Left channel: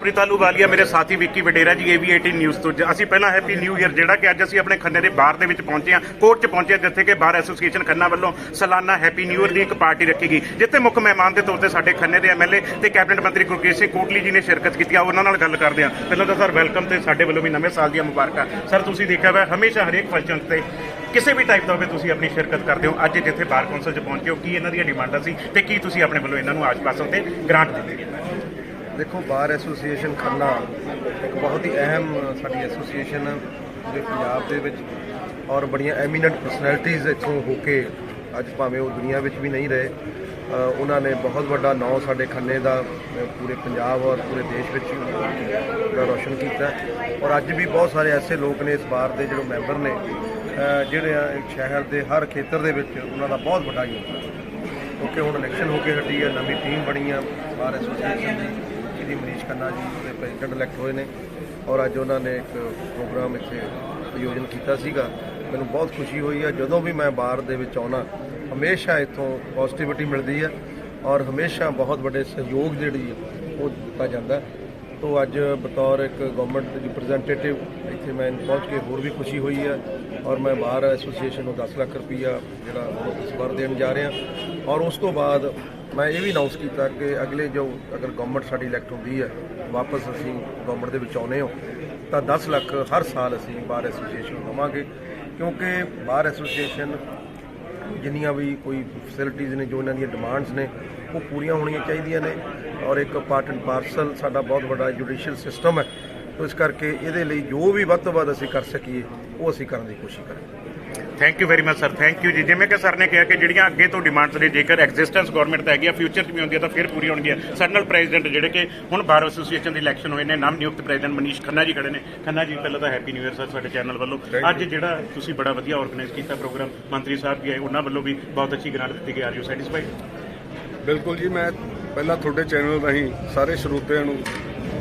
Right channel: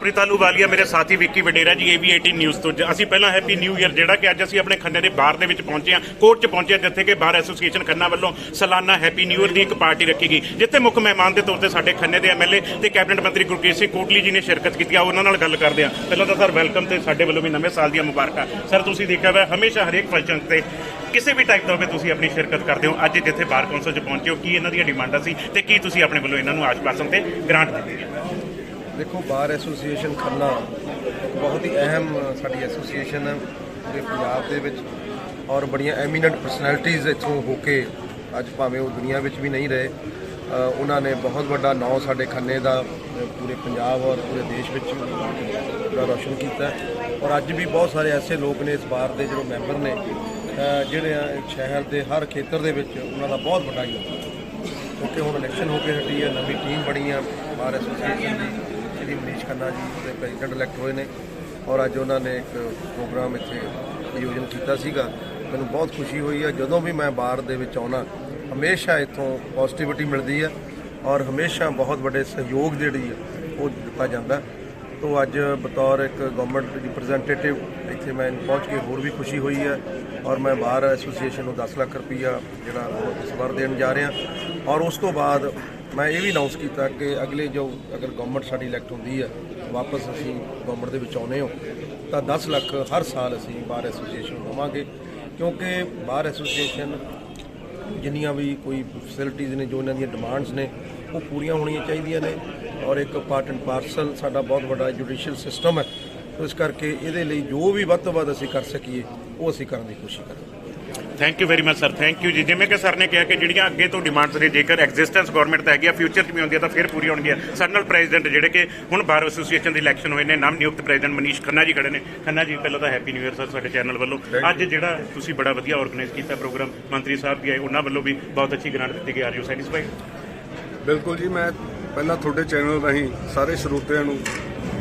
ਪ੍ਰੀਤ ਆਹਲੂਵਾਲੀਆ ਮੇਰੇ ਸਾਥੀ ਵਿੱਕੀ ਵਡੇਰਾ ਜੀ AV18 ਨਿਊਜ਼ ਤੋਂ। ਅਸੀਂ ਪਹਿਲਾਂ ਹੈਪੀ ਨਿਊ ਈਅਰ ਜਿਹੜਾ ਕਿ ਅੱਜ ਅਸੀਂ ਆਪਣੇ ਖੰਨੇ ਦੇ ਬਾਰ ਦੇ ਵਿੱਚ ਪਹੁੰਚੇ ਹਾਂ, ਕੋਰਟ 'ਚ ਪਹੁੰਚੇ ਜਿੱਥੇ ਕਿ ਬਾਰ ਐਸੋਸੀਏਸ਼ਨ ਖੰਨਾ ਵੱਲੋਂ ਸਾਲਾਨਾ ਹੈਪੀ ਨਿਊ ਈਅਰ ਦੀ ਇੱਕ ਪਾਰਟੀ ਰੱਖੀ ਗਈ, ਜਿੱਥੇ ਮੁੱਖ ਮਹਿਮਾਨ ਦੇ ਤੌਰ ਤੇ ਸਾਡੇ ਖੰਨੇ ਦੇ MLA ਤੇ ਕੈਬਨਿਟ ਮੰਤਰੀ ਗੁਰਕੇਸ਼ ਸਿੰਘ ਕੋਟਲੀ ਜੀ ਨੇ ਸ਼ਿਰਕਤ ਕੀਤੀ। ਉਹਨਾਂ ਨਾਲ ਗੱਲ ਕਰਦੇ ਹਾਂ। ਪਹਿਲਾਂ ਤਾਂ ਸਰ ਵੈਲਕਮ ਤੇ ਸਾਡੇ ਵੱਲੋਂ ਵੀ ਨਵੇਂ ਸਾਲ ਦੀਆਂ ਮੁਬਾਰਕਾਂ। ਸਰ ਤੁਸੀਂ ਦੇਖਿਆ ਵਾ ਹਮੇਸ਼ਾ ਹਰੇਕ ਫੰਕਸ਼ਨ ਤੇ ਕਿਸੇ ਵੀ ਟਾਈਪ ਦਾ ਹੋਵੇ ਤੁਸੀਂ ਆਪਣੀ ਸ਼ਿਰਕਤ ਕਰਦੇ ਹੋ। ਅੱਜ ਜਿੱਥੇ ਬਾਰ ਕੌਂਸਲ 'ਚ ਪਹੁੰਚੇ ਹੋ, ਕੀ ਇਹਨਾਂ ਦੀਆਂ ਡਿਮਾਂਡਾਂ ਸੀ ਤੇ ਕੀ ਤੁਸੀਂ ਆਪਣੇ ਵੱਲੋਂ ਇਹਨਾਂ ਨੂੰ ਆਸ਼ਵਾਸਨ ਤੇ ਗ੍ਰਾਂਟ ਦਿੱਤੇ? देखो बार एसोसीएशन खन्ना एक बहुत ही अहम साडी एसोसीएशन है पूरे पंजाब दे विच और बड़ियां एमीनेंट पर्सनैलिटीज़ इत्थों होके अज भावें वो दुनिया विच भी नहीं रहे, उन्होंने बहुत बड़ा नाम साडे खन्ने दा पूरे पंजाब और पूरे देश विच रोशन किया। और अज भी बहुत सारे ऐसे लोग ने इस बार के जो मैंबर ने जिहड़े शहर के हर खेतर दे विच उन्हां दा बहुत बड़ा योगदान, क्योंकि हुण इलैक्शन होके हटी है, नवी टीम बनी है बार एसोसीएशन की। श्री मनीष खन्ना जी ਉਹਦੇ ਪ੍ਰੈਜ਼ੀਡੈਂਟ ਇਲੈਕਟ ਹੋਏ ਨੇ ਔਰ ਅੱਜ ਉਹਨਾਂ ਨੇ ਇੱਕ ਪ੍ਰੋਗਰਾਮ ਇੱਥੇ ਆਯੋਜਨ ਕੀਤਾ ਸੀਗਾ। ਮੈਨੂੰ ਬਹੁਤ ਖੁਸ਼ੀ ਹੋਈ ਹੈ। ਜਦੋਂ ਵੀ ਮੈਂ ਬਾਰ ਦੇ ਵਿੱਚ ਆਉਣਾ ਹਮੇਸ਼ਾ ਇੱਥੋਂ ਪੋਜ਼ਿਟਿਵਿਟੀ ਮਿਲਦੀ ਹੈ ਔਰ ਹਮੇਸ਼ਾ ਬਹੁਤ ਵੱਡੇ ਸਹਿਯੋਗ ਜਿਹੜੀ ਹੈ ਉਹ ਦਿੱਤਾ ਜਾਂਦਾ। ਤੋਂ ਅੱਜ ਬਤੌਰ ਇੱਕ ਗਵਰਨਮੈਂਟ ਰਿਪਰੈਜ਼ੈਂਟੇਟਿਵ ਇੱਥੇ ਮੈਂ ਪਹੁੰਚ ਕੇ ਹੋਰ ਵੀ ਖੁਸ਼ੀ ਹੋਈ ਹੈ ਔਰ ਮੈਂ ਬਾਰ ਐਸੋਸੀਏਸ਼ਨ ਨੂੰ 10 ਲੱਖ ਰੁਪਈਆ ਜਿਹੜਾ ਉਹ ਇਸ ਵਾਰ ਦੇਣ ਜਾ ਰਿਹਾ। ਔਰ ਉਸ ਤੋਂ ਬਾਅਦ मैं ये भी अनाउंस किया कि अगले जो अगर गवर्नमेंट साड़ी इलैक्ट होती है वापस असी गवर्नमेंट के विच आने हो तो 10 लाख हर साल असी बार एसोसीएशन देवांगे, क्योंकि बार एसोसीएशन जिन्नियां भी कोई फैसिलिटीज़ ने जो इन्हां दी डिमांड्स ने वो पूरियां होणियां चाहिए ने। और एक पार्ट एंड पार्सल साडा बहुत बड़ा जुडिशियल सिस्टम है, तो इस करके इहदे लई जो भी वध तों वध असी कर सकीए वो असी करन दी कोशिश करें। Thank you very much sir, thank you ji. जिवें कि सर ने कहा कि ਜਿਹੜੀਆਂ ਅੱਗੇ ਤੋਂ ਡਿਮਾਂਡਸ ਨੇ ਜੇਕਰ ਐਗਜ਼ਿਸਟੈਂਸ ਗਵਰਨਮੈਂਟ ਤਾਂ ਹੈਗੀ ਆ, ਫਿਊਚਰ 'ਚ ਵੀ ਹੁੰਦੀ ਆ ਤਾਂ ਫਿਰ ਪੂਰੀ ਹੋਣਗੀਆਂ। ਸਾਡੇ ਨਾਲ ਪ੍ਰੈਜ਼ੀਡੈਂਟ ਜਿਹੜੇ ਕਿ ਹੁਣ ਬਾਰ ਐਸੋਸੀਏਸ਼ਨ ਦੇ ਇਲੈਕਸ਼ਨ ਹੋਏ ਨੇ, ਨਵ ਨਿਯੁਕਤ ਪ੍ਰੈਜ਼ੀਡੈਂਟ ਮਨੀਸ਼ ਖੰਨਾ ਜੀ ਖੜੇ ਨੇ। ਖੰਨਾ ਜੀ ਪਹਿਲਾਂ ਤਾਂ ਹੈਪੀ ਨਿਊ ਈਅਰ ਸਰ ਸਾਡੇ ਚੈਨਲ ਵੱਲੋਂ। ਅੱਜ ਜਿਹੜਾ ਤੁਸੀਂ ਬੜਾ ਵਧੀਆ ਆਰਗੇਨਾਈਜ਼ ਕੀਤਾ ਪ੍ਰੋਗਰਾਮ, ਮੰਤਰੀ ਸਾਹਿਬ ਵੀ ਆਏ, ਉਹਨਾਂ ਵੱਲੋਂ ਵੀ ਬਹੁਤ ਅੱਛੀ ਗ੍ਰਾਂਟ ਦਿੱਤੀ ਗਈ। Are you satisfied? ਬਿਲਕੁਲ ਜੀ, ਮੈਂ ਪਹਿਲਾਂ ਤੁਹਾਡੇ ਚੈਨਲ ਰਾਹੀਂ ਸਾਰੇ ਸਰੋਤਿਆਂ ਨੂੰ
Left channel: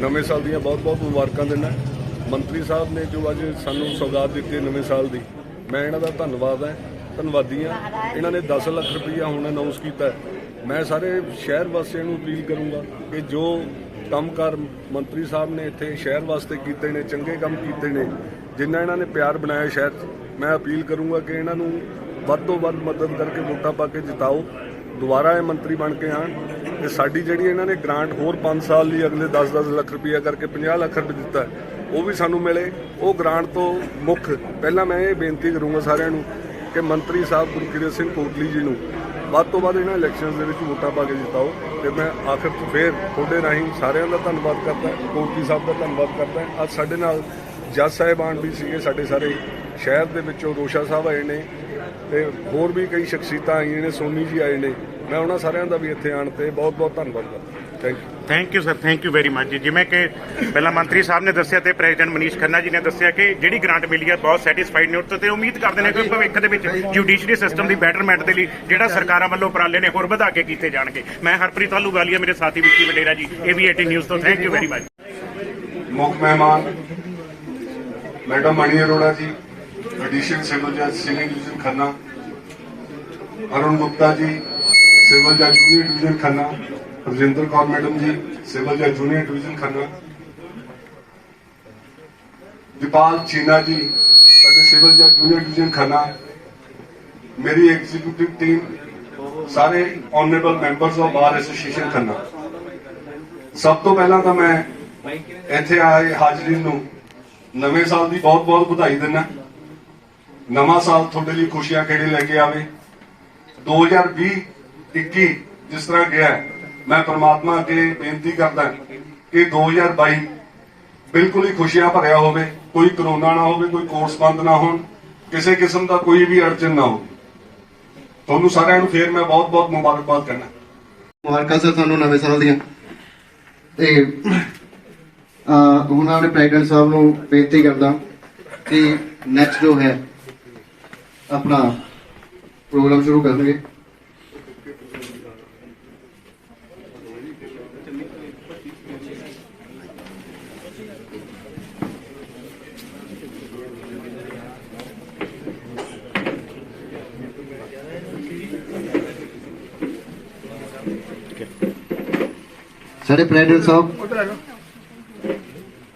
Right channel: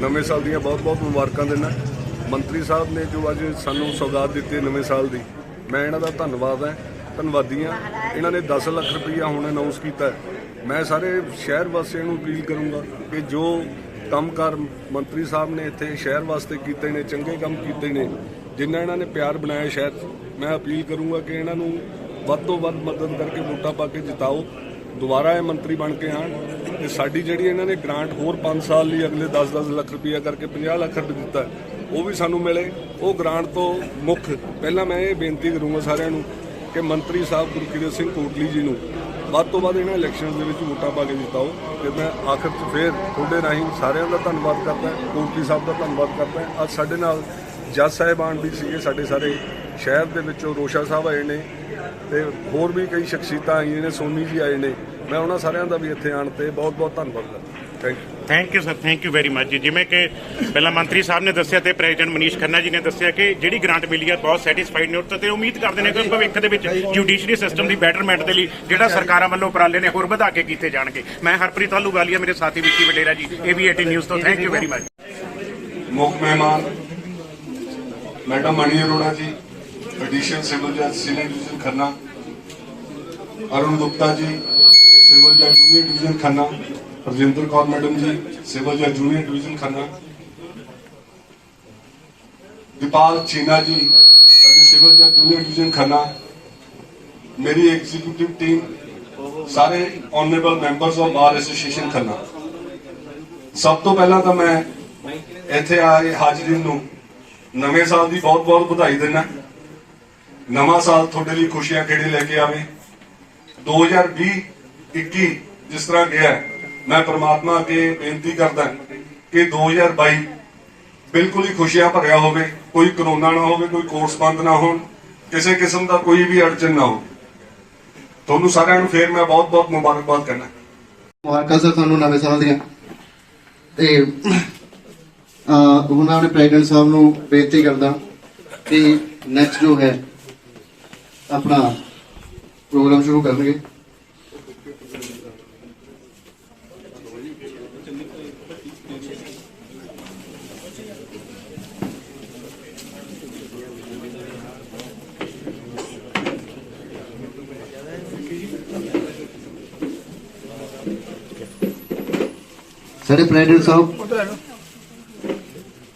ਨਵੇਂ ਸਾਲ ਦੀਆਂ ਬਹੁਤ-ਬਹੁਤ ਮੁਬਾਰਕਾਂ ਦਿੰਦਾ। ਮੰਤਰੀ ਸਾਹਿਬ ਨੇ ਜੋ ਅੱਜ ਸਾਨੂੰ ਸੌਗਾਤ ਦਿੱਤੀ ਨਵੇਂ ਸਾਲ ਦੀ, ਮੈਂ ਇਹਨਾਂ ਦਾ ਧੰਨਵਾਦੀ ਹਾਂ। ਇਹਨਾਂ ਨੇ 10 ਲੱਖ ਰੁਪਈਆ ਹੁਣ ਅਨਾਉਂਸ ਕੀਤਾ। ਮੈਂ ਸਾਰੇ ਸ਼ਹਿਰ ਵਾਸੀਆਂ ਨੂੰ ਅਪੀਲ ਕਰੂੰਗਾ ਕਿ ਜੋ ਕੰਮਕਾਰ ਮੰਤਰੀ ਸਾਹਿਬ ਨੇ ਇੱਥੇ ਸ਼ਹਿਰ ਵਾਸਤੇ ਕੀਤੇ ਨੇ, ਚੰਗੇ ਕੰਮ ਕੀਤੇ ਨੇ, ਜਿੰਨਾ ਇਹਨਾਂ ਨੇ ਪਿਆਰ ਬਣਾਇਆ ਸ਼ਹਿਰ 'ਚ, ਮੈਂ ਅਪੀਲ ਕਰੂੰਗਾ ਕਿ ਇਹਨਾਂ ਨੂੰ ਵੱਧ ਤੋਂ ਵੱਧ ਮਦਦ ਕਰਕੇ ਵੋਟਾਂ ਪਾ ਕੇ ਜਿਤਾਓ, ਦੁਬਾਰਾ ਇਹ ਮੰਤਰੀ ਬਣ ਕੇ ਆਉਣ। ਤੇ ਸਾਡੀ ਜਿਹੜੀ ਇਹਨਾਂ ਨੇ ਗ੍ਰਾਂਟ ਹੋਰ 5 ਸਾਲ ਲਈ ਅਗਲੇ 10-10 ਲੱਖ ਰੁਪਈਆ ਕਰਕੇ 50 ਲੱਖ ਰੁਪਏ ਦਿੱਤਾ, ਉਹ ਵੀ ਸਾਨੂੰ ਮਿਲੇ। ਉਹ ਗ੍ਰਾਂਟ ਤੋਂ ਮੁੱਖ ਪਹਿਲਾਂ ਮੈਂ ਇਹ ਬੇਨਤੀ ਕਰੂੰਗਾ ਸਾਰਿਆਂ ਨੂੰ ਕਿ ਮੰਤਰੀ ਸਾਹਿਬ ਗੁਰਕੇਸ਼ ਸਿੰਘ ਕੋਟਲੀ ਜੀ ਨੂੰ ਵੱਧ ਤੋਂ ਵੱਧ ਇਹਨਾਂ ਇਲੈਕਸ਼ਨਸ ਦੇ ਵਿੱਚ ਵੋਟਾਂ ਪਾ ਕੇ ਜਿਤਾਓ। ਤੇ ਮੈਂ ਆਖਰ 'ਚ ਫਿਰ ਤੁਹਾਡੇ ਰਾਹੀਂ ਸਾਰਿਆਂ ਦਾ ਧੰਨਵਾਦ ਕਰਦਾ, ਕੋਟਲੀ ਸਾਹਿਬ ਦਾ ਧੰਨਵਾਦ ਕਰਦਾ। ਅੱਜ ਸਾਡੇ ਨਾਲ ਜੱਜ ਸਾਹਿਬਾਨ ਵੀ ਸੀਗੇ, ਸਾਡੇ ਸਾਰੇ ਸ਼ਹਿਰ ਦੇ ਵਿੱਚੋਂ ਰੋਸ਼ਾ ਸਾਹਿਬ ਆਏ ਨੇ ਤੇ ਹੋਰ ਵੀ ਕਈ ਸ਼ਖਸੀਅਤਾਂ ਆਈਆਂ ਨੇ, ਸੋਨੀ ਜੀ ਆਏ ਨੇ। ਮੈਂ ਉਹਨਾਂ ਸਾਰਿਆਂ ਦਾ ਵੀ ਇੱਥੇ ਆਉਣ ਤੇ ਬਹੁਤ-ਬਹੁਤ ਧੰਨਵਾਦ ਕਰਦਾ। Thank you sir, thank you very much ਜੀ। ਜਿਵੇਂ ਕਿ ਪਹਿਲਾਂ ਮੰਤਰੀ ਸਾਹਿਬ ਨੇ ਦੱਸਿਆ ਤੇ ਪ੍ਰੈਜ਼ੀਡੈਂਟ ਮਨੀਸ਼ ਖੰਨਾ ਜੀ ਨੇ ਦੱਸਿਆ ਕਿ ਜਿਹੜੀ ਗ੍ਰਾਂਟ ਮਿਲੀ ਹੈ ਬਹੁਤ ਸੈਟੀਸਫਾਈਡ ਨੇ ਤੇ ਉਮੀਦ ਕਰਦੇ ਨੇ ਕਿ ਭਵਿੱਖ ਦੇ ਵਿੱਚ ਜੁਡੀਸ਼ਰੀ ਸਿਸਟਮ ਦੀ ਬੈਟਰਮੈਂਟ ਦੇ ਲਈ ਜਿਹੜਾ ਸਰਕਾਰਾਂ ਵੱਲੋਂ ਉਪਰਾਲੇ ਨੇ ਹੋਰ ਵਧਾ ਕੇ ਕੀਤੇ ਜਾਣਗੇ। ਮੈਂ ਹਰਪ੍ਰੀਤ ਆਹਲੂਵਾਲੀਆ, ਮੇਰੇ ਸਾਥੀ ਵਿੱਕੀ ਵਡੇਰਾ ਜੀ, AV18 ਨਿਊਜ਼ ਤੋਂ। Thank you very much. ਮੁੱਖ ਮਹਿਮਾਨ ਮੈਡਮ ਮਣੀ ਅਰੋੜਾ ਜੀ, ਐਡੀਸ਼ਨ ਸਿਵਲ ਜੱਜ senior division Khanna, Arun Gupta ji, civil ਜੱਜ junior division Khanna, Rajinder Kaur madam ਜੀ, ਸਿਵਲ ਜੱਜ ਜੂਨੀਅਰ ਡਿਵੀਜ਼ਨ ਖੰਨਾ, ਦੀਪਾਲ ਚੀਨਾ ਜੀ, ਸਾਡੇ ਸਿਵਲ ਜੱਜ ਜੂਨੀਅਰ ਡਿਵੀਜ਼ਨ ਖੰਨਾ, ਮੇਰੀ ਐਗਜ਼ੀਕਿਊਟਿਵ ਟੀਮ, ਸਾਰੇ honourable members of bar association Khanna. ਸਭ ਤੋਂ ਪਹਿਲਾਂ ਤਾਂ ਮੈਂ ਇੱਥੇ ਆਏ ਹਾਜ਼ਰੀਨ ਨੂੰ ਨਵੇਂ ਸਾਲ ਦੀ ਬਹੁਤ-ਬਹੁਤ ਵਧਾਈ ਦਿੰਦਾ। ਨਵਾਂ ਸਾਲ ਤੁਹਾਡੇ ਲਈ ਖੁਸ਼ੀਆਂ ਖੇੜੇ ਲੈ ਕੇ ਆਵੇ। 2020-21 ਜਿਸ ਤਰ੍ਹਾਂ ਗਿਆ, ਮੈਂ ਪ੍ਰਮਾਤਮਾ ਅੱਗੇ ਬੇਨਤੀ ਕਰਦਾ ਕਿ 2022 ਬਿਲਕੁਲ ਹੀ ਖੁਸ਼ੀਆਂ ਭਰਿਆ ਹੋਵੇ, ਕੋਈ ਕਰੋਨਾ ਨਾ ਹੋਵੇ, ਕੋਈ ਕੋਰਸ ਬੰਦ ਨਾ ਹੋਣ, ਕਿਸੇ ਕਿਸਮ ਦਾ ਕੋਈ ਵੀ ਅੜਚਨ ਨਾ ਹੋਵੇ। ਤੁਹਾਨੂੰ ਸਾਰਿਆਂ ਨੂੰ ਫੇਰ ਮੈਂ ਬਹੁਤ-ਬਹੁਤ ਮੁਬਾਰਕਬਾਦ ਕਰਨਾ। ਮੁਬਾਰਕਾਂ ਸਰ ਤੁਹਾਨੂੰ ਨਵੇਂ ਸਾਲ ਦੀਆਂ। ਤੇ ਉਹਨਾਂ ਨੇ ਪ੍ਰੈਜ਼ੀਡੈਂਟ ਸਾਹਿਬ ਨੂੰ ਬੇਨਤੀ ਕਰਦਾ ਕਿ ਨੈਕਸਟ ਜੋ ਹੈ ਆਪਣਾ ਪ੍ਰੋਗਰਾਮ ਸ਼ੁਰੂ ਕਰਨਗੇ ਸਾਡੇ ਪ੍ਰੈਜ਼ੀਡੈਂਟ ਸਾਹਿਬ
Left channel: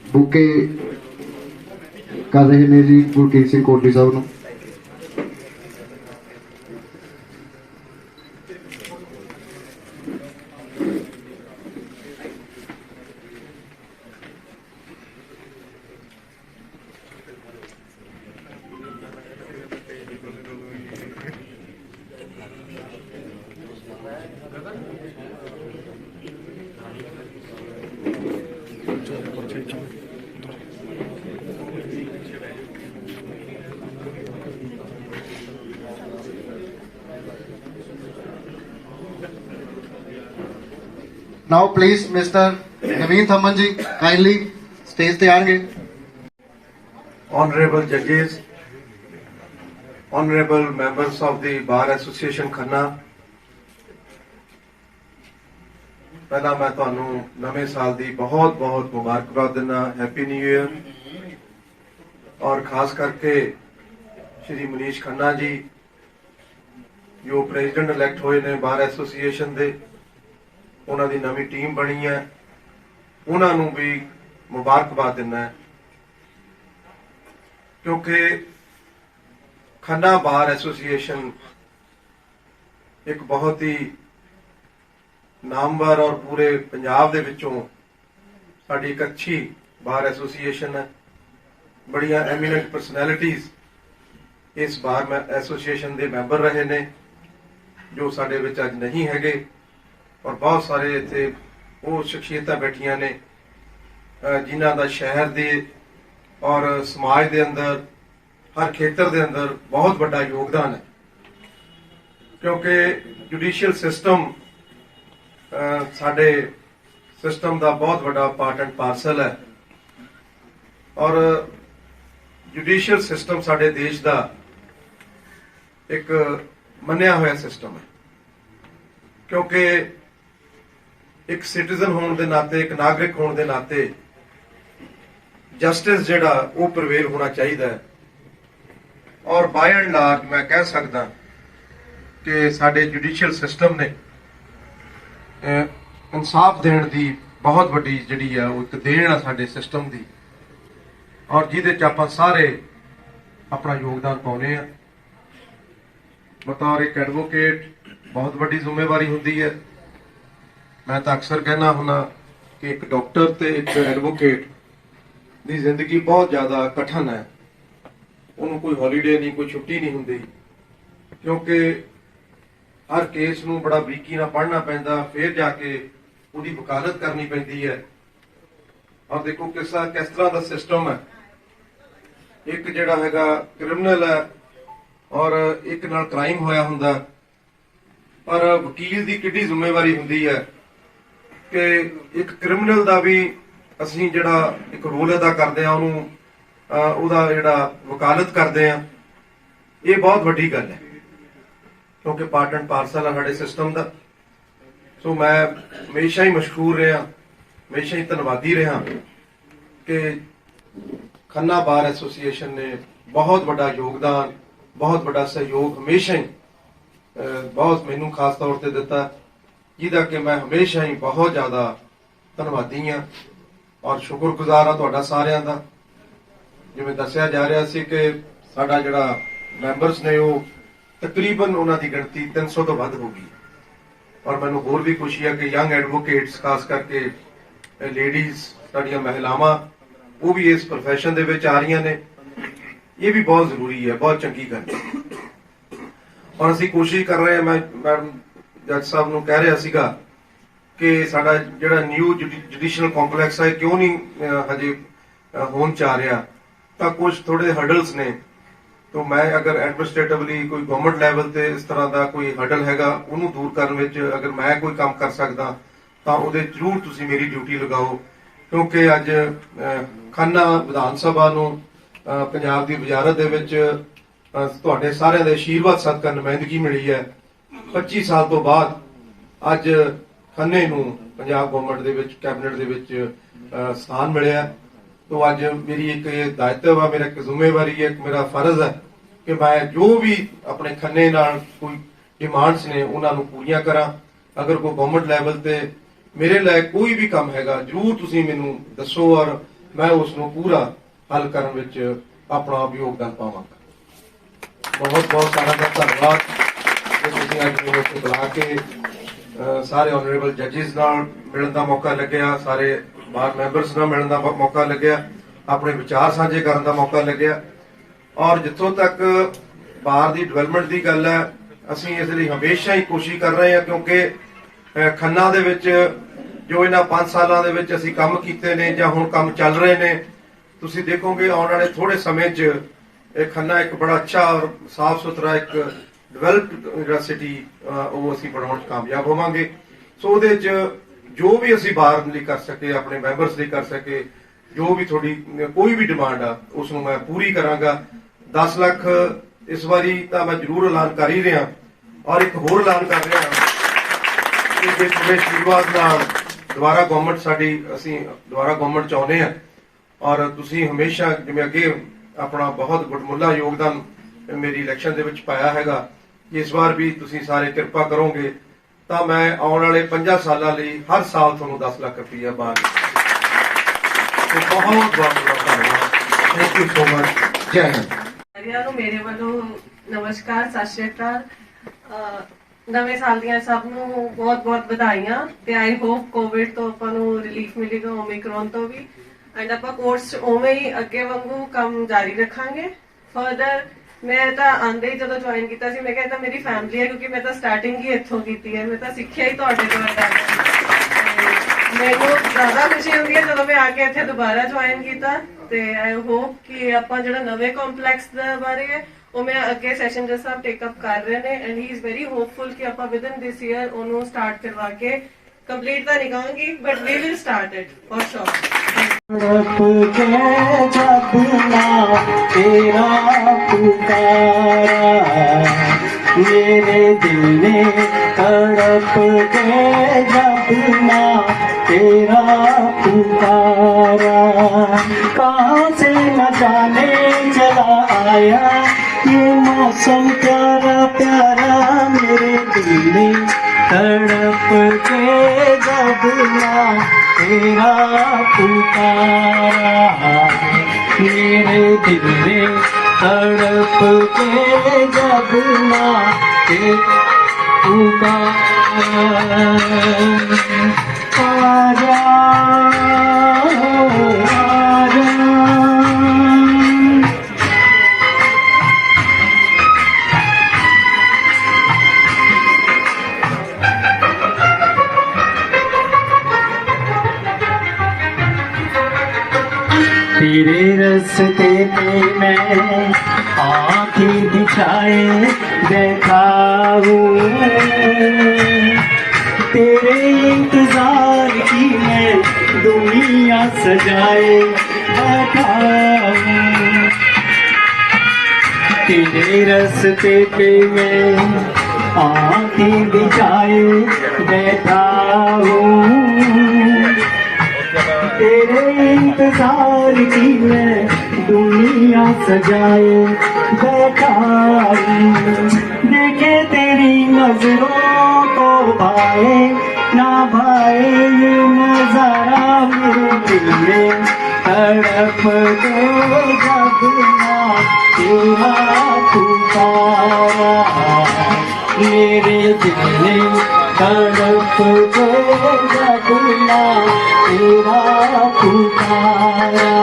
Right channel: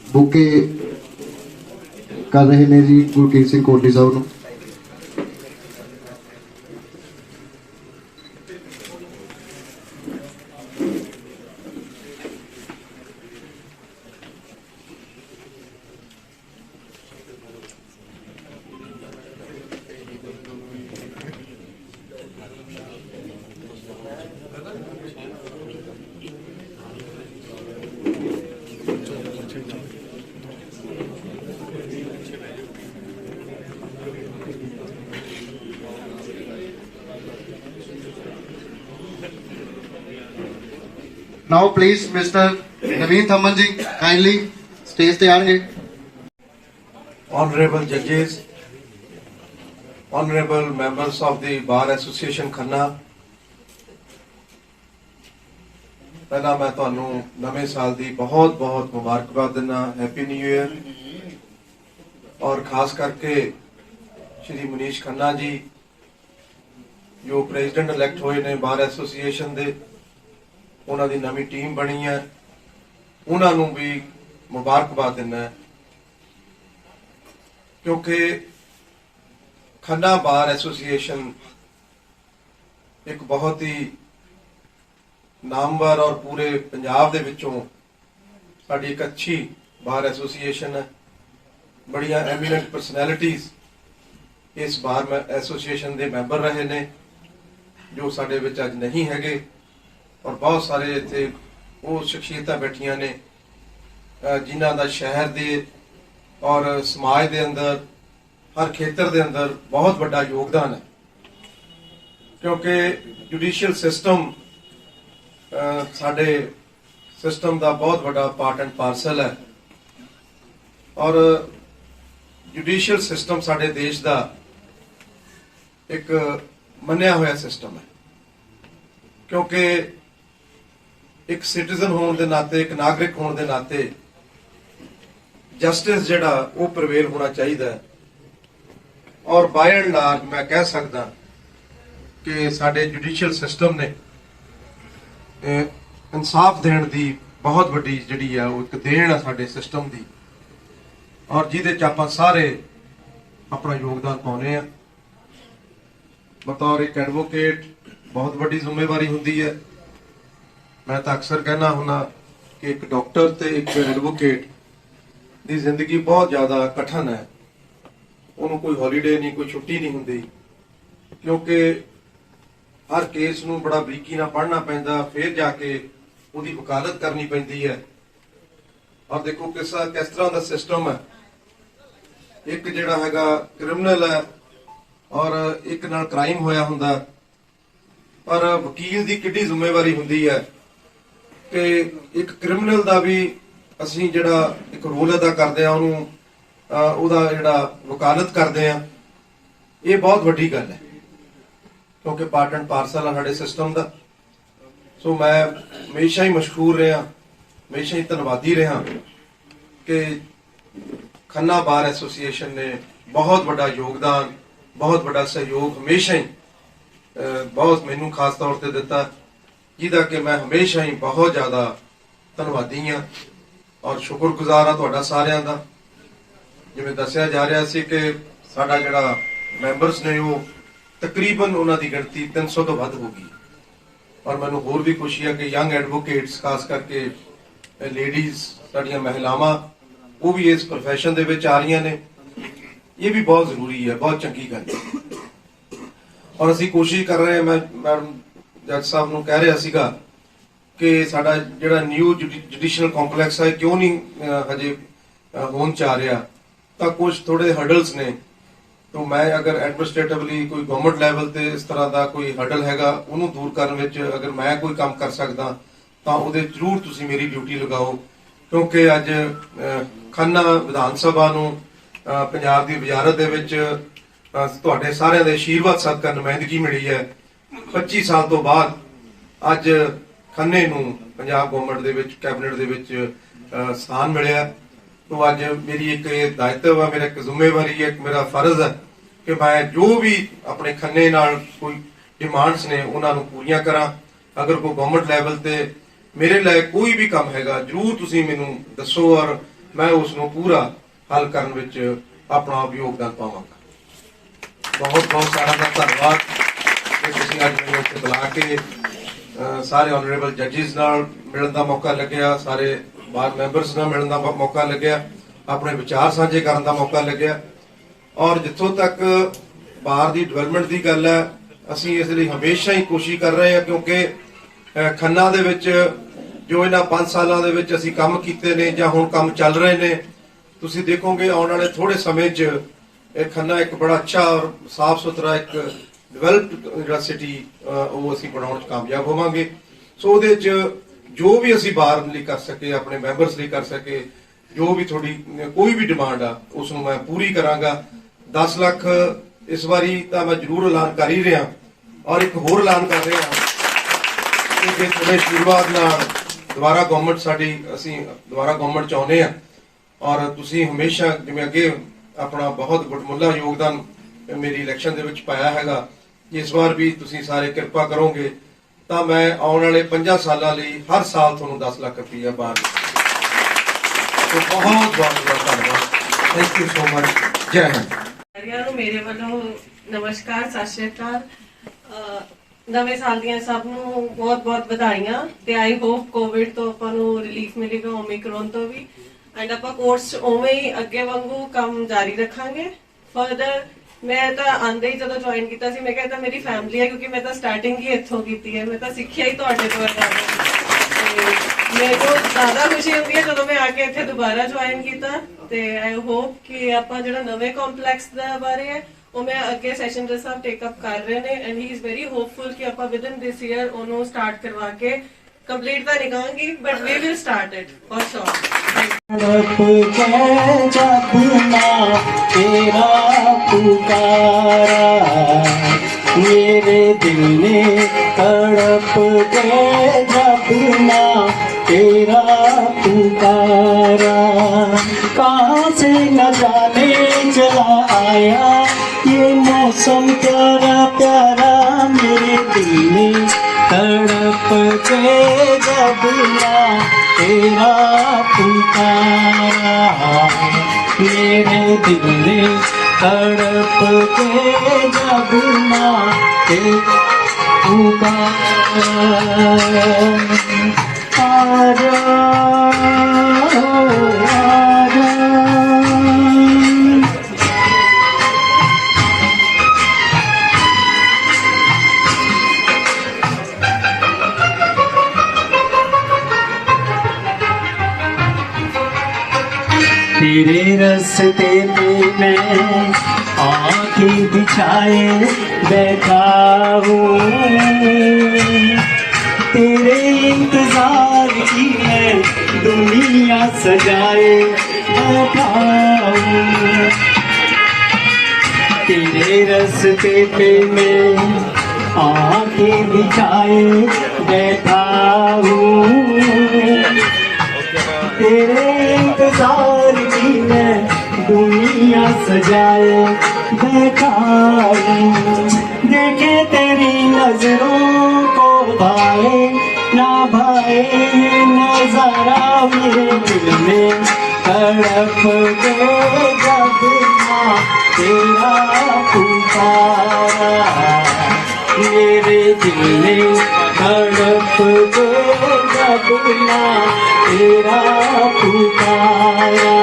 ਬੁਕੇ ਕਰ ਰਹੇ ਨੇ ਜੀ ਗੁਰਕੀਰਤ ਸਿੰਘ ਕੋਟਲੀ ਸਾਹਿਬ ਨੂੰ। Now please Mr. Naveen Thaman ji kindly stage ਤੇ ਆਣਗੇ। Honorable judges, honorable members of the Bar Association Khanna, ਪਹਿਲਾਂ ਮੈਂ ਤੁਹਾਨੂੰ ਨਵੇਂ ਸਾਲ ਦੀ ਬਹੁਤ ਬਹੁਤ ਮੁਬਾਰਕਬਾਦ ਦਿੰਦਾ। Happy new year. ਔਰ ਖਾਸ ਕਰਕੇ ਸ਼੍ਰੀ ਮਨੀਸ਼ ਖੰਨਾ ਜੀ ਜੋ ਪ੍ਰੈਜ਼ੀਡੈਂਟ ਇਲੈਕਟ ਹੋਏ ਨੇ ਬਾਰ ਐਸੋਸੀਏਸ਼ਨ ਦੇ, ਉਹਨਾਂ ਦੀ ਨਵੀਂ ਟੀਮ ਬਣੀ ਹੈ, ਉਹਨਾਂ ਨੂੰ ਵੀ ਮੁਬਾਰਕਬਾਦ ਦਿੰਦਾ ਕਿਉਂਕਿ ਖੰਨਾ ਬਾਰ ਐਸੋਸੀਏਸ਼ਨ ਇੱਕ ਬਹੁਤ ਹੀ ਨਾਮਵਰ ਔਰ ਪੂਰੇ ਪੰਜਾਬ ਦੇ ਵਿੱਚੋਂ ਸਾਡੀ ਇੱਕ ਅੱਛੀ ਬਾਰ ਐਸੋਸੀਏਸ਼ਨ ਹੈ। ਬੜੀਆਂ ਐਮੀਨੈਂਟ ਪਰਸਨੈਲਿਟੀਜ਼ ਇਸ ਬਾਰ ਐਸੋਸੀਏਸ਼ਨ ਦੇ ਮੈਂਬਰ ਰਹੇ ਨੇ ਜੋ ਸਾਡੇ ਵਿੱਚ ਅੱਜ ਨਹੀਂ ਹੈਗੇ, ਔਰ ਬਹੁਤ ਸਾਰੇ ਇੱਥੇ ਉਹ ਸ਼ਖਸੀਅਤਾਂ ਬੈਠੀਆਂ ਨੇ ਜਿਨ੍ਹਾਂ ਦਾ ਸ਼ਹਿਰ ਦੇ ਔਰ ਸਮਾਜ ਦੇ ਅੰਦਰ ਹਰ ਖੇਤਰ ਦੇ ਅੰਦਰ ਬਹੁਤ ਵੱਡਾ ਯੋਗਦਾਨ ਹੈ ਕਿਉਂਕਿ ਜੁਡੀਸ਼ੀਅਲ ਸਿਸਟਮ ਸਾਡੇ ਸਿਸਟਮ ਦਾ ਬਹੁਤ ਵੱਡਾ ਪਾਰਟ ਐਂਡ ਪਾਰਸਲ ਹੈ ਔਰ ਜੁਡੀਸ਼ੀਅਲ ਸਿਸਟਮ ਸਾਡੇ ਦੇਸ਼ ਦਾ ਇੱਕ ਮੰਨਿਆ ਹੋਇਆ ਸਿਸਟਮ ਹੈ ਕਿਉਂਕਿ ਇੱਕ ਸਿਟੀਜ਼ਨ ਹੋਣ ਦੇ ਨਾਤੇ, ਇੱਕ ਨਾਗਰਿਕ ਹੋਣ ਦੇ ਨਾਤੇ ਜਸਟਿਸ ਜਿਹੜਾ ਉਹ ਪ੍ਰਵੇਲ ਹੋਣਾ ਚਾਹੀਦਾ ਹੈ ਔਰ ਬਾਈ ਐਂਡ ਲਾਰਜ ਮੈਂ ਕਹਿ ਸਕਦਾ ਕਿ ਸਾਡੇ ਜੁਡੀਸ਼ੀਅਲ ਸਿਸਟਮ ਨੇ ਇਨਸਾਫ ਦੇਣ ਦੀ ਬਹੁਤ ਵੱਡੀ ਜਿਹੜੀ ਹੈ ਉਹ ਇੱਕ ਦੇਣ ਆ ਸਾਡੇ ਸਿਸਟਮ ਦੀ ਔਰ ਜਿਹਦੇ ਚ ਆਪਾਂ ਸਾਰੇ ਆਪਣਾ ਯੋਗਦਾਨ ਪਾਉਨੇ ਆ। ਬਤੌਰ ਇੱਕ ਐਡਵੋਕੇਟ ਬਹੁਤ ਵੱਡੀ ਜ਼ਿੰਮੇਵਾਰੀ ਹੁੰਦੀ ਹੈ। ਮੈਂ ਤਾਂ ਅਕਸਰ ਕਹਿਣਾ ਹੁੰਦਾ ਕਿ ਇੱਕ ਡਾਕਟਰ ਤੇ ਇੱਕ ਐਡਵੋਕੇਟ ਦੀ ਜ਼ਿੰਦਗੀ ਬਹੁਤ ਜ਼ਿਆਦਾ ਕਠਿਨ ਹੈ। ਉਹਨੂੰ ਕੋਈ ਹੌਲੀਡੇ ਨਹੀਂ, ਕੋਈ ਛੁੱਟੀ ਨਹੀਂ ਹੁੰਦੀ ਕਿਉਂਕਿ ਹਰ ਕੇਸ ਨੂੰ ਬੜਾ ਬਰੀਕੀ ਨਾਲ ਪੜ੍ਹਨਾ ਪੈਂਦਾ, ਫਿਰ ਜਾ ਕੇ ਉਹਦੀ ਵਕਾਲਤ ਕਰਨੀ ਪੈਂਦੀ ਹੈ। ਔਰ ਦੇਖੋ ਕਿਸ ਤਰ੍ਹਾਂ ਦਾ ਸਿਸਟਮ ਹੈ। ਇੱਕ ਜਿਹੜਾ ਹੈਗਾ ਕ੍ਰਿਮੀਨਲ ਹੈ ਔਰ ਇੱਕ ਨਾਲ ਕ੍ਰਾਈਮ ਹੋਇਆ ਹੁੰਦਾ, ਪਰ ਵਕੀਲ ਦੀ ਕਿੰਨੀ ਜ਼ਿੰਮੇਵਾਰੀ ਹੁੰਦੀ ਹੈ ਕਿ ਇੱਕ ਕ੍ਰਿਮੀਨਲ ਦਾ ਵੀ ਅਸੀਂ ਜਿਹੜਾ ਇੱਕ ਰੋਲ ਅਦਾ ਕਰਦੇ ਆ, ਉਹਨੂੰ ਉਹਦਾ ਜਿਹੜਾ ਵਕਾਲਤ ਕਰਦੇ ਆ, ਇਹ ਬਹੁਤ ਵੱਡੀ ਗੱਲ ਹੈ ਕਿਉਂਕਿ ਪਾਰਟ ਐਂਡ ਪਾਰਸਲ ਆ ਸਾਡੇ ਸਿਸਟਮ ਦਾ। ਸੋ ਮੈਂ ਹਮੇਸ਼ਾ ਹੀ ਮਸ਼ਹੂਰ ਰਿਹਾ, ਹਮੇਸ਼ਾ ਹੀ ਧੰਨਵਾਦੀ ਰਿਹਾ ਕਿ ਖੰਨਾ ਬਾਰ ਐਸੋਸੀਏਸ਼ਨ ਨੇ ਬਹੁਤ ਵੱਡਾ ਯੋਗਦਾਨ, ਬਹੁਤ ਵੱਡਾ ਸਹਿਯੋਗ ਹਮੇਸ਼ਾ ਹੀ ਬਹੁਤ ਮੈਨੂੰ ਖਾਸ ਤੌਰ ਤੇ ਦਿੱਤਾ, ਜਿਹਦਾ ਕਿ ਮੈਂ ਹਮੇਸ਼ਾ ਹੀ ਬਹੁਤ ਜ਼ਿਆਦਾ ਧੰਨਵਾਦੀ ਹਾਂ ਔਰ ਸ਼ੁਕਰਗੁਜ਼ਾਰ ਹਾਂ ਤੁਹਾਡਾ ਸਾਰਿਆਂ ਦਾ। ਜਿਵੇਂ ਦੱਸਿਆ ਜਾ ਰਿਹਾ ਸੀ ਕਿ ਸਾਡਾ ਜਿਹੜਾ ਮੈਂਬਰਸ ਨੇ ਉਹ ਤਕਰੀਬਨ ਉਹਨਾਂ ਦੀ ਗਿਣਤੀ 300 ਤੋਂ ਵੱਧ ਹੋ ਗਈ ਔਰ ਮੈਨੂੰ ਹੋਰ ਵੀ ਖੁਸ਼ੀ ਹੈ ਕਿ ਯੰਗ ਐਡਵੋਕੇਟਸ ਖਾਸ ਕਰਕੇ ਲੇਡੀਜ਼ ਸਾਡੀਆਂ ਮਹਿਲਾਵਾਂ ਉਹ ਵੀ ਇਸ ਪ੍ਰੋਫੈਸ਼ਨ ਦੇ ਵਿੱਚ ਆ ਰਹੀਆਂ ਨੇ। ਇਹ ਵੀ ਬਹੁਤ ਜ਼ਰੂਰੀ ਹੈ, ਬਹੁਤ ਚੰਗੀ ਗੱਲ ਹੈ ਔਰ ਅਸੀਂ ਕੋਸ਼ਿਸ਼ ਕਰ ਰਹੇ ਹਾਂ। ਮੈਂ ਮੈਡਮ ਜੱਜ ਸਾਹਿਬ ਨੂੰ ਕਹਿ ਰਿਹਾ ਸੀਗਾ ਕਿ ਸਾਡਾ ਜਿਹੜਾ ਨਿਊ ਜੁਡੀਸ਼ੀਅਲ ਕੰਪਲੈਕਸ ਹੈ ਕਿਉਂ ਨਹੀਂ ਹਜੇ ਹੋਣ ਚਾ ਰਿਹਾ, ਤਾਂ ਕੁਝ ਥੋੜੇ ਹਰਡਲਸ ਨੇ। ਤਾਂ ਮੈਂ ਅਗਰ ਐਡਮਿਨਿਸਟ੍ਰੇਟਿਵਲੀ ਕੋਈ ਗਵਰਨਮੈਂਟ ਲੈਵਲ ਤੇ ਇਸ ਤਰ੍ਹਾਂ ਦਾ ਕੋਈ ਹਰਡਲ ਹੈਗਾ ਉਹਨੂੰ ਦੂਰ ਕਰਨ ਵਿੱਚ ਅਗਰ ਮੈਂ ਕੋਈ ਕੰਮ ਕਰ ਸਕਦਾ ਤਾਂ ਉਹਦੇ ਜ਼ਰੂਰ ਤੁਸੀਂ ਮੇਰੀ ਡਿਊਟੀ ਲਗਾਓ ਕਿਉਂਕਿ ਅੱਜ ਖੰਨਾ ਵਿਧਾਨ ਸਭਾ ਨੂੰ ਪੰਜਾਬ ਦੀ ਵਜ਼ਾਰਤ ਦੇ ਵਿੱਚ ਤੁਹਾਡੇ ਸਾਰਿਆਂ ਦੇ ਆਸ਼ੀਰਵਾਦ ਸਦਕਾ ਨੁਮਾਇੰਦਗੀ ਮਿਲੀ ਹੈ। 25 ਸਾਲ ਤੋਂ ਬਾਅਦ ਅੱਜ ਖੰਨੇ ਨੂੰ ਪੰਜਾਬ ਗਵਰਨਮੈਂਟ ਦੇ ਵਿੱਚ ਕੈਬਨਿਟ ਦੇ ਵਿੱਚ ਸਥਾਨ ਮਿਲਿਆ। तो आज मेरी एक दायित्व है, मेरा एक जिम्मेवारी है, एक मेरा फर्ज है कि मैं जो भी अपने खन्ने नाल कोई डिमांड्स ने उन्होंने पूरियां करा। अगर कोई गवर्नमेंट लैवल ते ਮੇਰੇ ਲਈ ਕੋਈ ਵੀ ਕੰਮ ਹੈਗਾ ਜਰੂਰ ਤੁਸੀਂ ਮੈਨੂੰ ਦੱਸੋ ਔਰ ਮੈਂ ਉਸ ਨੂੰ ਪੂਰਾ ਹੱਲ ਕਰਨ ਵਿੱਚ ਆਪਣਾ ਯੋਗਦਾਨ ਪਾਵਾਂਗਾ। ਬਹੁਤ ਬਹੁਤ ਸਾਰਾ ਧੰਨਵਾਦ ਕਿ ਤੁਸੀਂ ਅੱਜ ਮੈਨੂੰ ਇੱਥੇ ਬੁਲਾ ਕੇ ਸਾਰੇ ਆਨਰੇਬਲ ਜੱਜਿਸ ਨਾਲ ਮਿਲਣ ਦਾ ਮੌਕਾ ਲੱਗਿਆ, ਸਾਰੇ ਬਾਰ ਮੈਂਬਰਸ ਨਾਲ ਮਿਲਣ ਦਾ ਮੌਕਾ ਲੱਗਿਆ, ਆਪਣੇ ਵਿਚਾਰ ਸਾਂਝੇ ਕਰਨ ਦਾ ਮੌਕਾ ਲੱਗਿਆ। ਔਰ ਜਿੱਥੋਂ ਤੱਕ ਬਾਰ ਦੀ ਡਿਵੈਲਪਮੈਂਟ ਦੀ ਗੱਲ ਹੈ, ਅਸੀਂ ਇਸ ਲਈ ਹਮੇਸ਼ਾ ਹੀ ਕੋਸ਼ਿਸ਼ ਕਰ ਰਹੇ ਹਾਂ ਕਿਉਂਕਿ ਖੰਨਾ ਦੇ ਵਿੱਚ ਜੋ ਇਹਨਾਂ 5 ਸਾਲਾਂ ਦੇ ਵਿੱਚ ਅਸੀਂ ਕੰਮ ਕੀਤੇ ਨੇ ਜਾਂ ਹੁਣ ਕੰਮ ਚੱਲ ਰਹੇ ਨੇ, ਤੁਸੀਂ ਦੇਖੋਗੇ ਆਉਣ ਵਾਲੇ ਥੋੜੇ ਸਮੇਂ 'ਚ ਇਹ ਖੰਨਾ ਇੱਕ ਬੜਾ ਅੱਛਾ ਔਰ ਸਾਫ਼ ਸੁਥਰਾ ਇੱਕ ਡਿਵੈਲਪਡ ਜਿਹੜਾ ਸਿਟੀ ਉਹ ਅਸੀਂ ਬਣਾਉਣ 'ਚ ਕਾਮਯਾਬ ਹੋਵਾਂਗੇ। ਸੋ ਉਹਦੇ 'ਚ ਜੋ ਵੀ ਅਸੀਂ ਬਾਹਰ ਲਈ ਕਰ ਸਕੇ, ਆਪਣੇ ਮੈਂਬਰਸ ਲਈ ਕਰ ਸਕੇ, ਜੋ ਵੀ ਤੁਹਾਡੀ ਕੋਈ ਵੀ ਡਿਮਾਂਡ ਆ ਉਸ ਨੂੰ ਮੈਂ ਪੂਰੀ ਕਰਾਂਗਾ। 10 ਲੱਖ ਇਸ ਵਾਰੀ ਤਾਂ ਮੈਂ ਜ਼ਰੂਰ ਐਲਾਨ ਕਰ ਹੀ ਰਿਹਾ ਔਰ ਇੱਕ ਹੋਰ ਐਲਾਨ ਕਰ ਰਿਹਾ ਕਿ ਜੇ ਤੁਹਾਡੇ ਆਸ਼ੀਰਵਾਦ ਨਾਲ ਦੁਬਾਰਾ ਗਵਰਨਮੈਂਟ ਚਾਹੁੰਦੇ ਆ ਔਰ ਤੁਸੀਂ ਹਮੇਸ਼ਾ ਜਿਵੇਂ ਅੱਗੇ ਆਪਣਾ ਬਹੁਤ ਗੁੱਟਮੁੱਲਾ ਯੋਗਦਾਨ ਮੇਰੀ ਇਲੈਕਸ਼ਨ ਦੇ ਵਿੱਚ ਪਾਇਆ ਹੈਗਾ, ਇਸ ਵਾਰ ਵੀ ਤੁਸੀਂ ਸਾਰੇ ਕਿਰਪਾ ਕਰੋਗੇ ਤਾਂ ਮੈਂ ਆਉਣ ਵਾਲੇ 5 ਸਾਲਾਂ ਲਈ ਹਰ ਸਾਲ ਤੁਹਾਨੂੰ 10 ਲੱਖ ਰੁਪਈਆ ਬਾਹਰ ਬਹੁਤ ਬਹੁਤ ਧੰਨਵਾਦ। Thank you so much. ਜੈ ਹਿੰਦ। ਸਾਰਿਆਂ ਨੂੰ ਮੇਰੇ ਵੱਲੋਂ ਨਮਸਕਾਰ, ਸਤਿ ਸ਼੍ਰੀ ਅਕਾਲ। ਨਵੇਂ ਸਾਲ ਦੀਆਂ ਸਭ ਨੂੰ ਬਹੁਤ ਵਧਾਈਆਂ ਤੇ ਆਈ ਹੋਪ ਕੋਵਿਡ ਤੋਂ ਆਪਾਂ ਨੂੰ ਰਿਲੀਫ ਮਿਲੇਗਾ, ਓਮਿਕਰੋਨ ਤੋਂ ਵੀ, ਐਂਡ ਆਪਾਂ ਕੋਰਸ ਉਵੇਂ ਹੀ ਅੱਗੇ ਵਾਂਗੂ ਕੰਮ ਜਾਰੀ ਰੱਖਾਂਗੇ। ਫਰਦਰ ਮੈਂ ਤਾਂ ਆਂਦੇ ਹੀ ਜਦੋਂ ਜੁਆਇਨ ਕੀਤਾ ਸੀ ਮੈਂ ਕਿਹਾ ਇਹ ਤਾਂ ਮੇਰੀ ਫੈਮਿਲੀ ਹੈ ਕਿਉਂਕਿ ਮੈਂ ਤਾਂ ਸਟਾਰਟਿੰਗ ਹੀ ਇੱਥੋਂ ਕੀਤੀ ਹੈ, ਮੈਂ ਤਾਂ ਸਿੱਖਿਆ ਹੀ ਤੁਹਾਡੇ ਤੋਂ ਹੈ। ਮੈਨੂੰ ਜ਼ਿਆਦਾ ਖੁਸ਼ੀ ਹੁੰਦੀ ਹੈ ਜਦੋਂ ਮੈਂ ਆ ਕੇ ਇੱਥੇ ਦੁਬਾਰਾ ਜੁਆਇਨ ਕੀਤਾ ਤੇ ਆਈ ਹੋਪ ਕਿ ਆਪਾਂ ਜਿਹੜਾ ਨਵੇਂ ਕੰਪਲੈਕਸ ਦਾ ਬਾਰੇ ਹੈ ਉਹ ਮੈਂ ਅੱਗੇ ਸੈਸ਼ਨ ਦੇ ਸਾਹਿਬ ਟੇਕ ਅਪ ਕਰ ਰਹੇ ਨੇ and he is very hopeful ਕਿ ਆਪਾਂ ਵਿਦਨ ਦਿਸ ਈਅਰ ਉਹਨੂੰ ਸਟਾਰਟ ਕਰਵਾ ਕੇ ਕੰਪਲੀਟ ਤਾਂ ਨਹੀਂ ਕਹਾਂਗੀ but we will start it for sure. जब ना तेरा पुकारा मेरे दिल ने तड़प के जब ना तेरा पुकारा कहाँ से न जाने चला आया ये मौसम प्यारा प्यारा मेरे दिल ने तड़प के जब ना तेरा पुकारा मेरे दिल ने तड़प के जब ना तेरा पुकारा आजा आजा तेरे रस्ते पे मैं आँखें बिछाए बैठा हूँ तेरे इंतजार की मैं दुनिया सजाए बैठा हूँ तेरे रस्ते पे मैं आँखें बिछाए बैठा हूँ तेरे इंतजार की मैं दुनिया सजाए बैठा हूँ देखे तेरी नजरों को भाए ना भाए नजारा मेरे दिल में तड़प दे जब ना तेरा पुकारा मेरे दिल में तड़प दे जब ना तेरा पुकारा